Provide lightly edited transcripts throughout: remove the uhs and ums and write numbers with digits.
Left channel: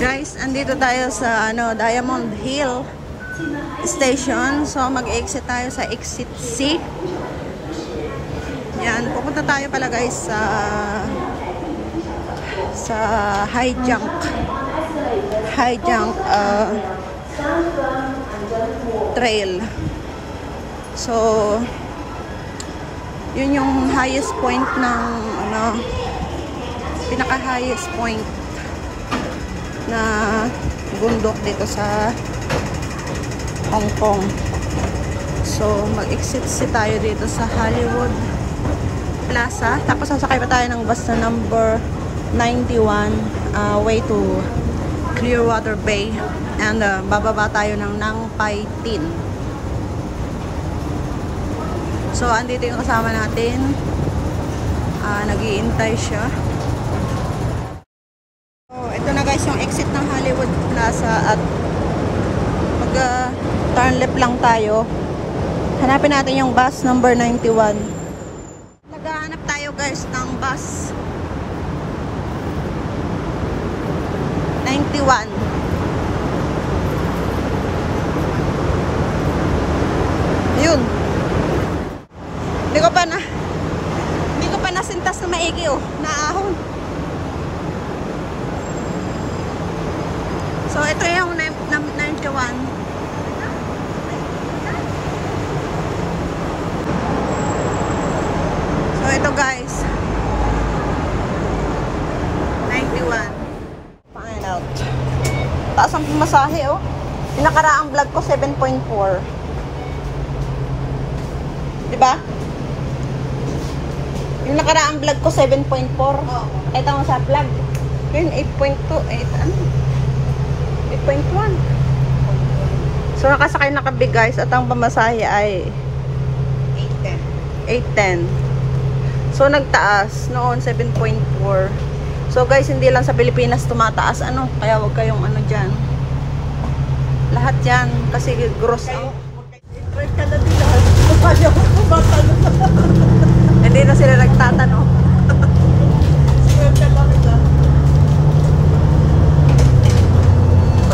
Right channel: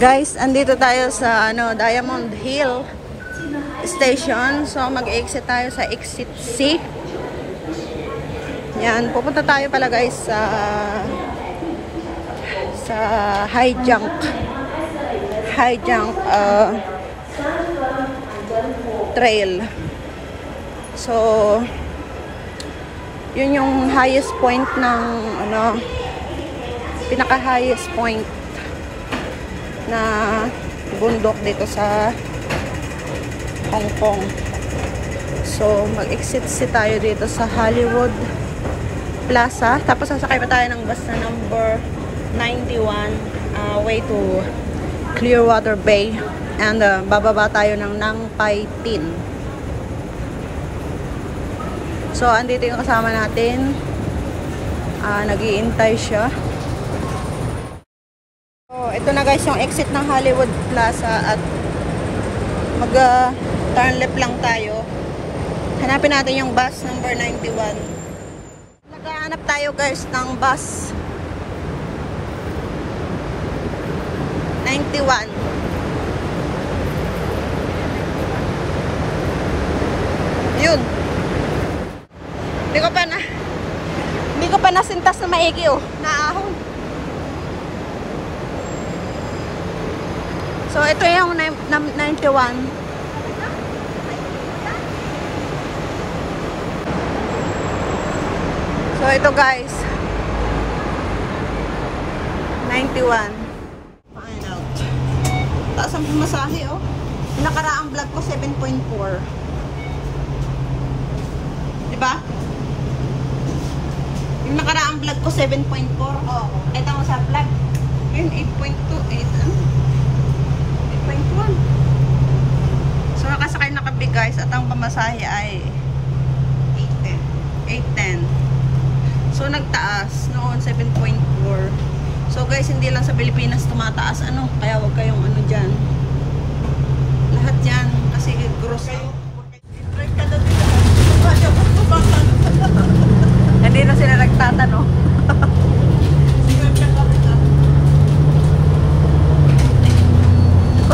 Guys, andito tayo sa Diamond Hill Station. So mag-exit tayo sa exit C. Yan, pupunta tayo pala guys sa high jump trail. So yun yung highest point ng pinaka highest point na bundok dito sa Hong Kong. So mag-exit tayo dito sa Hollywood Plaza, tapos sasakay pa tayo ng bus na number 91 way to Clearwater Bay, and bababa tayo ng Nang Pai Tin. So andito yung kasama natin, nag-iintay siya. Ito na guys yung exit ng Hollywood Plaza, at mag-turn left lang tayo. Hanapin natin yung bus number 91. Maghahanap tayo guys ng bus 91. Yun. Hindi ko pa nasintas na maigi, oh. Naahon. So, ito yung 91. So, ito guys. 91. Find out. Taas ang pumasahe, oh. Yung nakaraang vlog ko, 7.4. Diba? Yung nakaraang vlog ko, 7.4. Ito ang sa vlog. Ngayon, 8.2. 8.1. So nakasakay na kami guys, at ang pamasahe ay 810. So nagtaas noon 7.4. So guys, hindi lang sa Pilipinas tumataas kaya huwag kayong dyan. Lahat yan kasi gross out. Hindi na sila nagtatanong.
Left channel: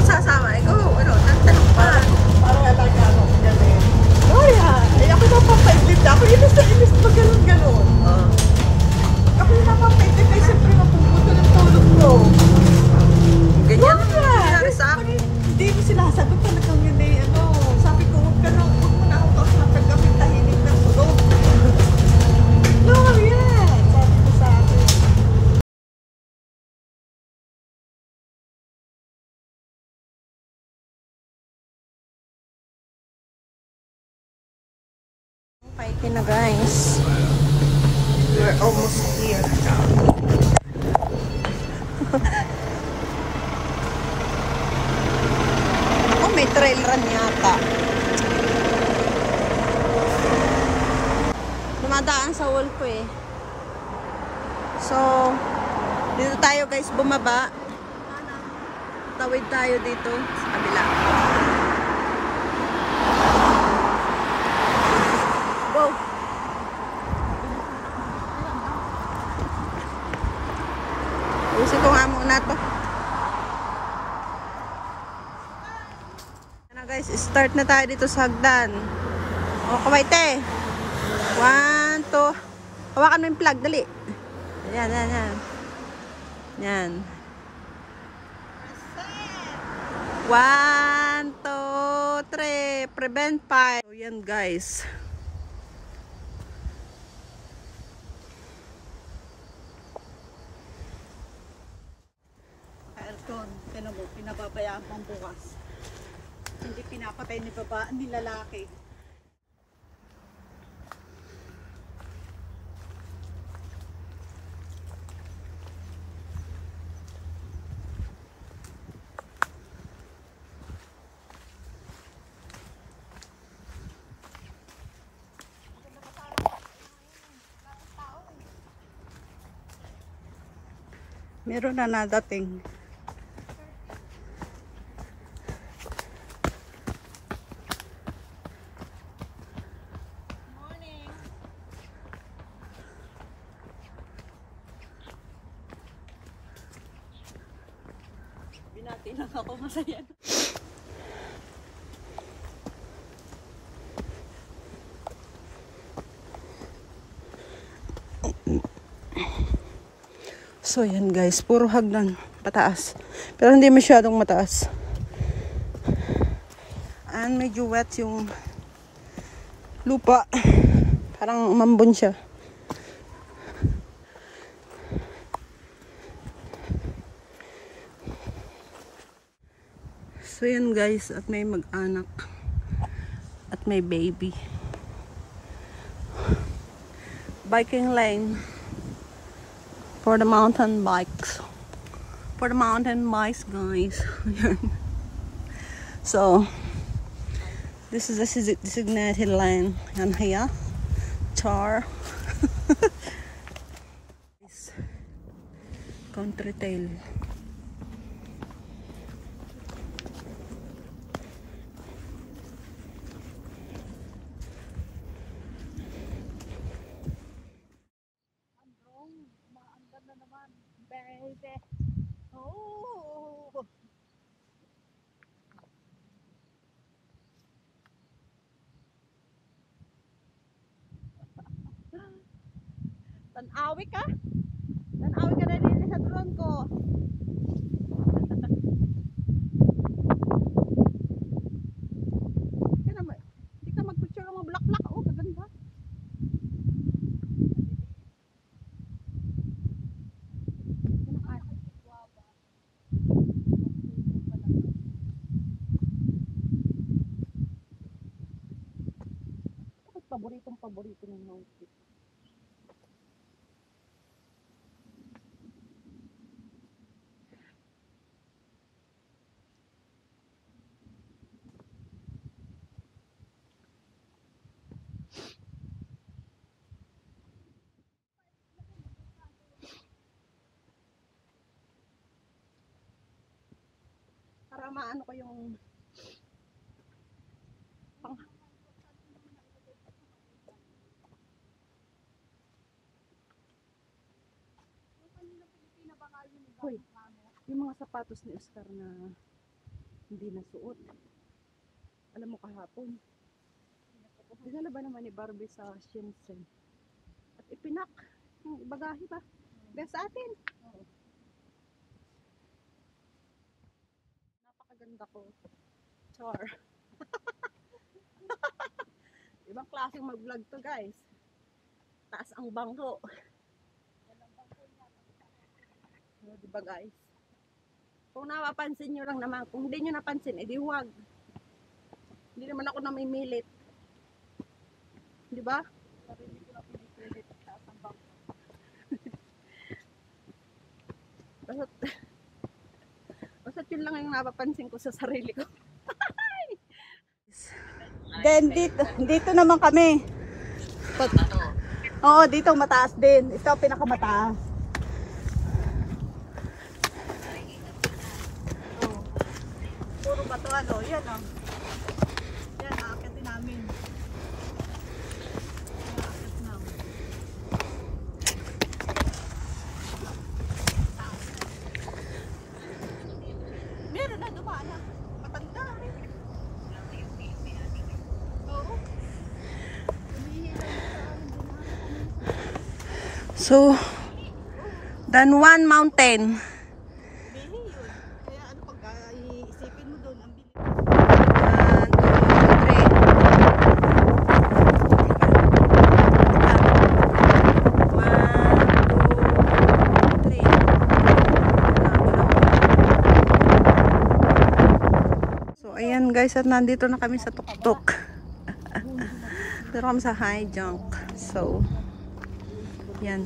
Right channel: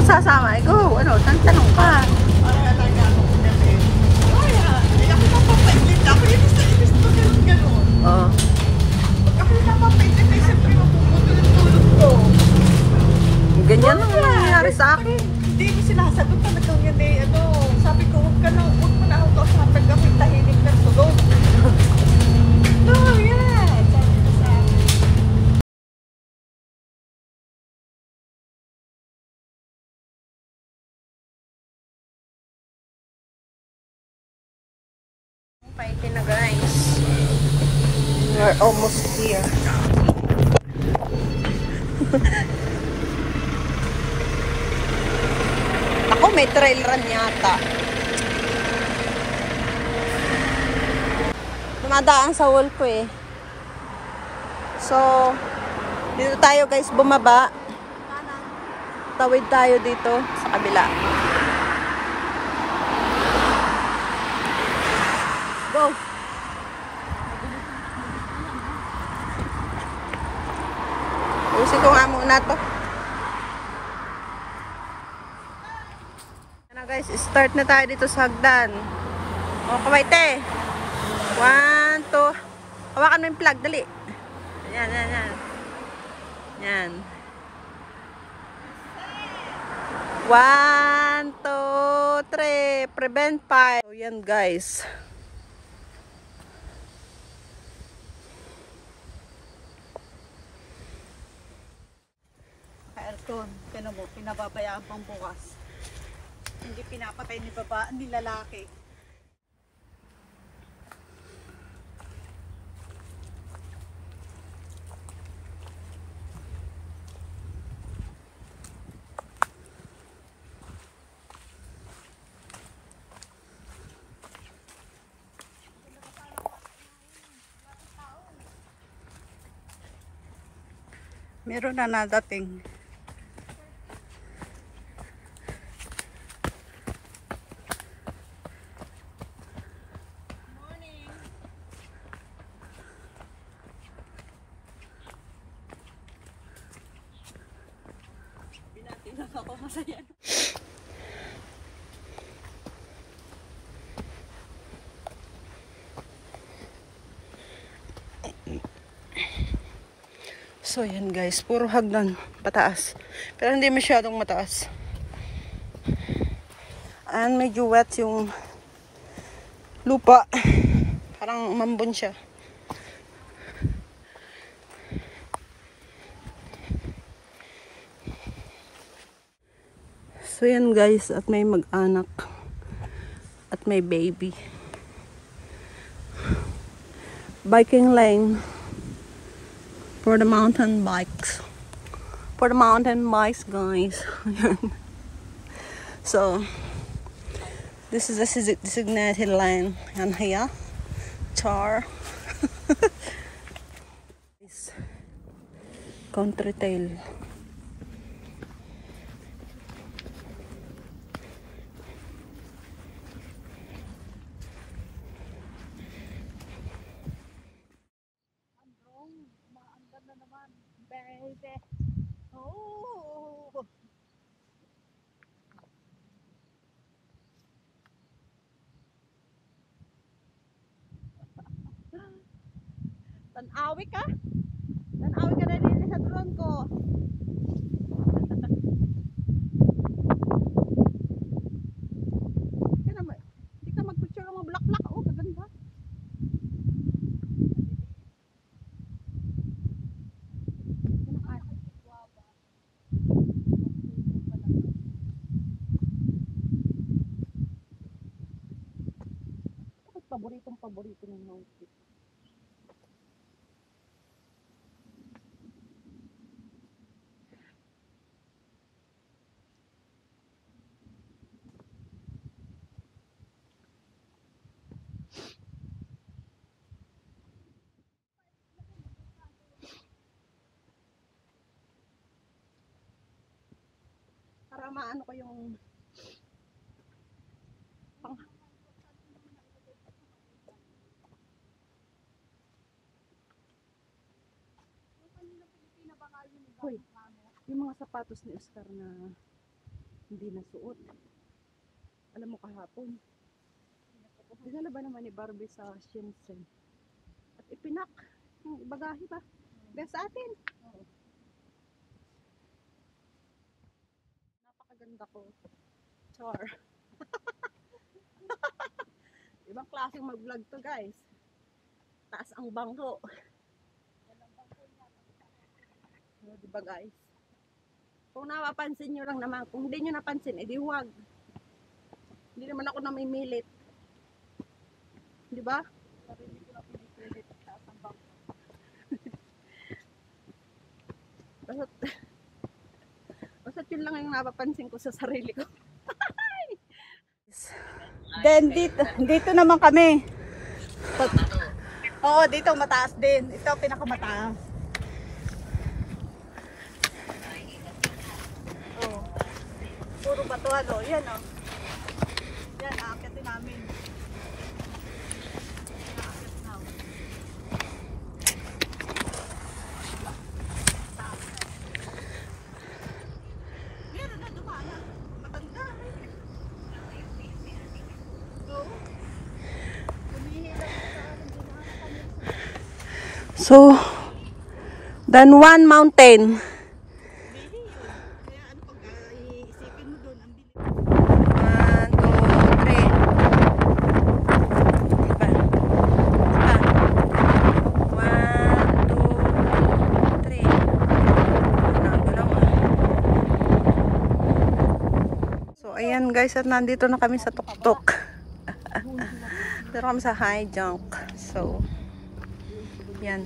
Sasama, go, tanong ka. Para lang yan, gano'n. Oh, yan. Ay, ako na papaitlip na. Ako yun na sa ilis pa gano'n. Ako yun na papaitlip, ay siyempre mapuputo ng tulog ko. Ganyan ang nangyari sa akin. Hindi mo sinasagot talagang yun eh. Sabi ko, huwag mo na ako kausapin kami tahimik ng tulog. No, yan. Sabi ko sa akin. Paitin na guys. We're almost here. Ako, may trail run yata. Dumadaan sa wall ko eh. So, dito tayo guys bumaba. Tawid tayo dito sa kabila. Usin ko nga muna to. Ano guys, start na tayo dito sa hagdan. O, kawaite. 1, 2. Hawakan mo yung plug, dali. Yan. Yan. 1, 2, 3. Prevent fire. So, yan guys. Pinababayaan pang bukas. Hindi pinapatay ni baba, ni lalaki. Meron na nadating. Morning. Binati lang ako, masaya. So yan guys, puro hagdan pataas. Pero hindi masyadong mataas. And medyo wet yung lupa. Parang umambon siya. So yan guys, at may mag-anak. At may baby. Biking lane. For the mountain bikes. For the mountain bikes, guys. So, this is a designated lane. And here, Char. Country tail. Baby. Oh. Tanawi ka? Tanawi ka na din sa drone ko. Hindi ka mag-picture mo black-black. Oh, kaganda. Paborito ng mountain. Para maano ko yung Hoy, yung mga sapatos ni Oscar na hindi nasuot. Alam mo kahapon, dinala ba naman ni Barbie sa Shenzhen? At ipinak yung bagahe ba? Best sa atin. Napakaganda ko. Char. Ibang klaseng mag-vlog to guys. Taas ang bangko. Diba guys? Kung napapansin nyo lang naman, kung hindi nyo napansin, edi huwag. Hindi naman ako namimilit. Diba? Sarili ko na pinipilit sa asang bangko. Basta't yun lang yung napapansin ko sa sarili ko. Then dito naman kami. Oo, dito mataas din. Ito pinakamataas. Puro batuan, o yan ah. Yan, nakakiti namin. Meron na, dumaan na. Matanda rin. Oo. So, then one mountain. Ayan guys, at nandito na kami sa tuktok. Dito kami sa high junk. So, yan.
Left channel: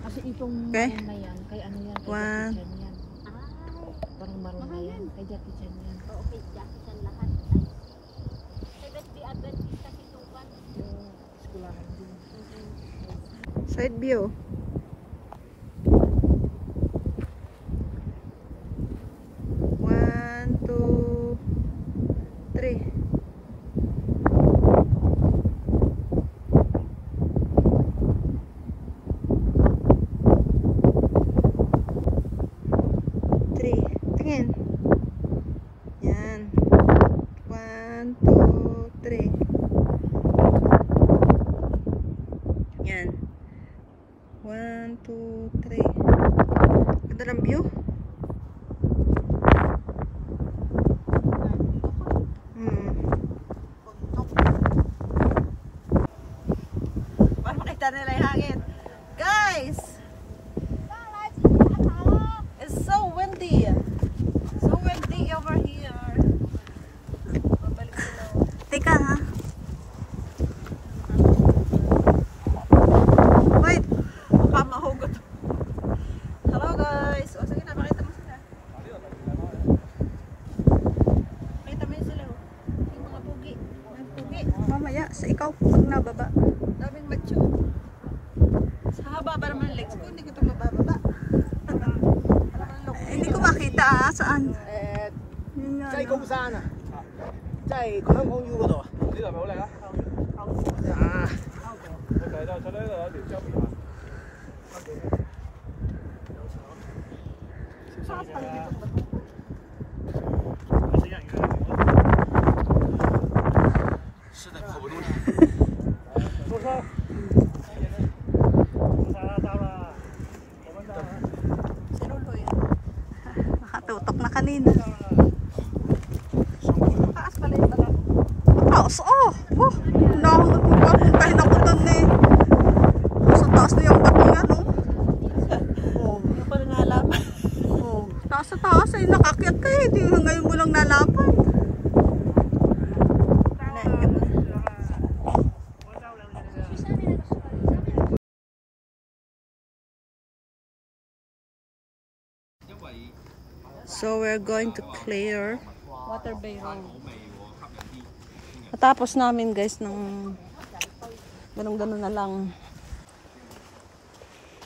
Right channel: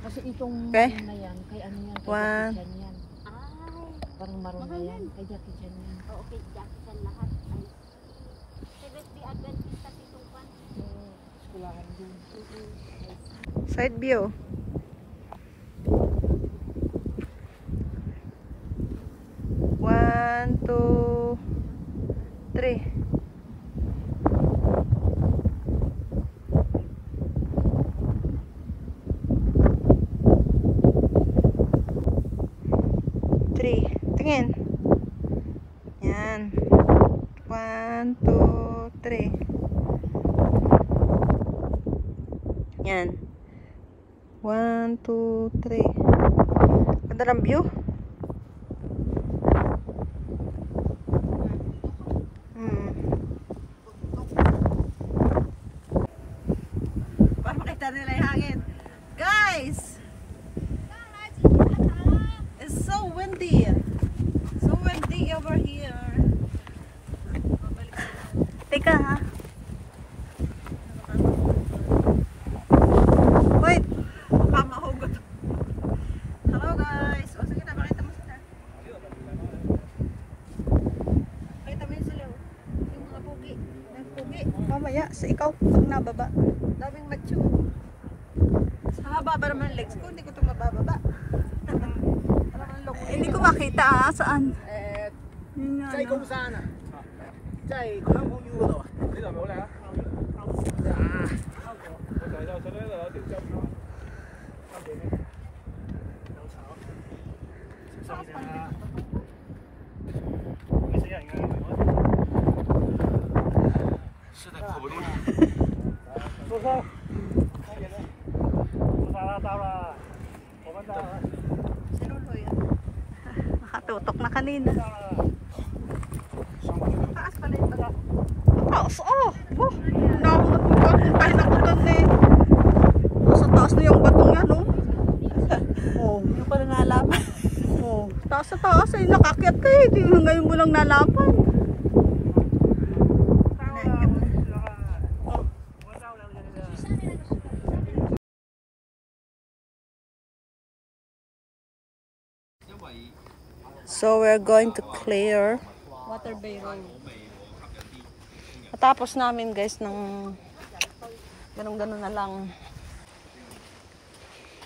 Kasi itong okay. na yan, kay ano yan, kay One. Jackie Chan yan. Parang marunong na yan, kay Jackie Chan yan. Oo, kay Jackie Chan lahat. Seventh Day Adventist sa Titupan. Eskulahan din. Side view. 3. Tingin. Yan. 1, 2, 3. Yan. 1, 2, 3. Ganda ng view. Para makita nila yung hangin. Guys! It's so windy. So windy over here. Teka ha. Wait. Baka mahugot. Hello guys. O sige na, makita mo sila. Makita mo yun sila. Yung mga pugi. May pugi. Mamaya sa ikaw pag nababa. Daming macho. Sa haba ba naman legs ko? Hindi ko ito mababa. Hindi ko makita ha. Saan? Yun nga, 在公山啊，在香港 U 嗰度啊，呢度係咪好靚啊？小心啲啊！會死人㗎，是在跑步路。小心！Nakatutok na kanina. Taas, oh! Oh! Nakapuntahin ako doon eh. Sa taas na yung batong yan, oh. Oh. Parang nalaman. Oh. Taas sa taas eh. Nakakyat ka eh. Ngayon mo lang nalaman. So we're going to clear Waterbay Road. Tapos namin guys ng ganun-ganun na lang.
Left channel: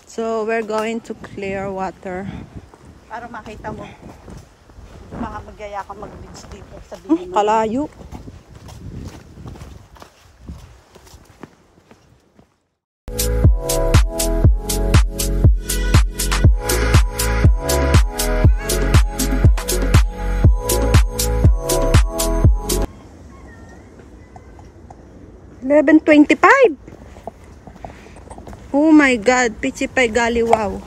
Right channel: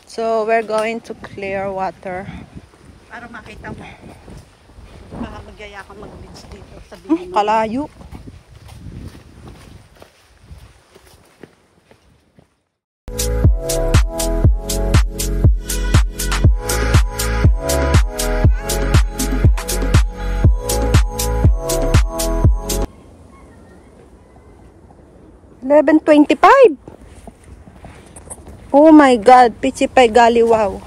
So we're going to clear water. Para makita mo. Baka magyaya ka mag-beach dito sa Bini. Kalayo. $11.25. Oh my God, Pichipay Galiwaw.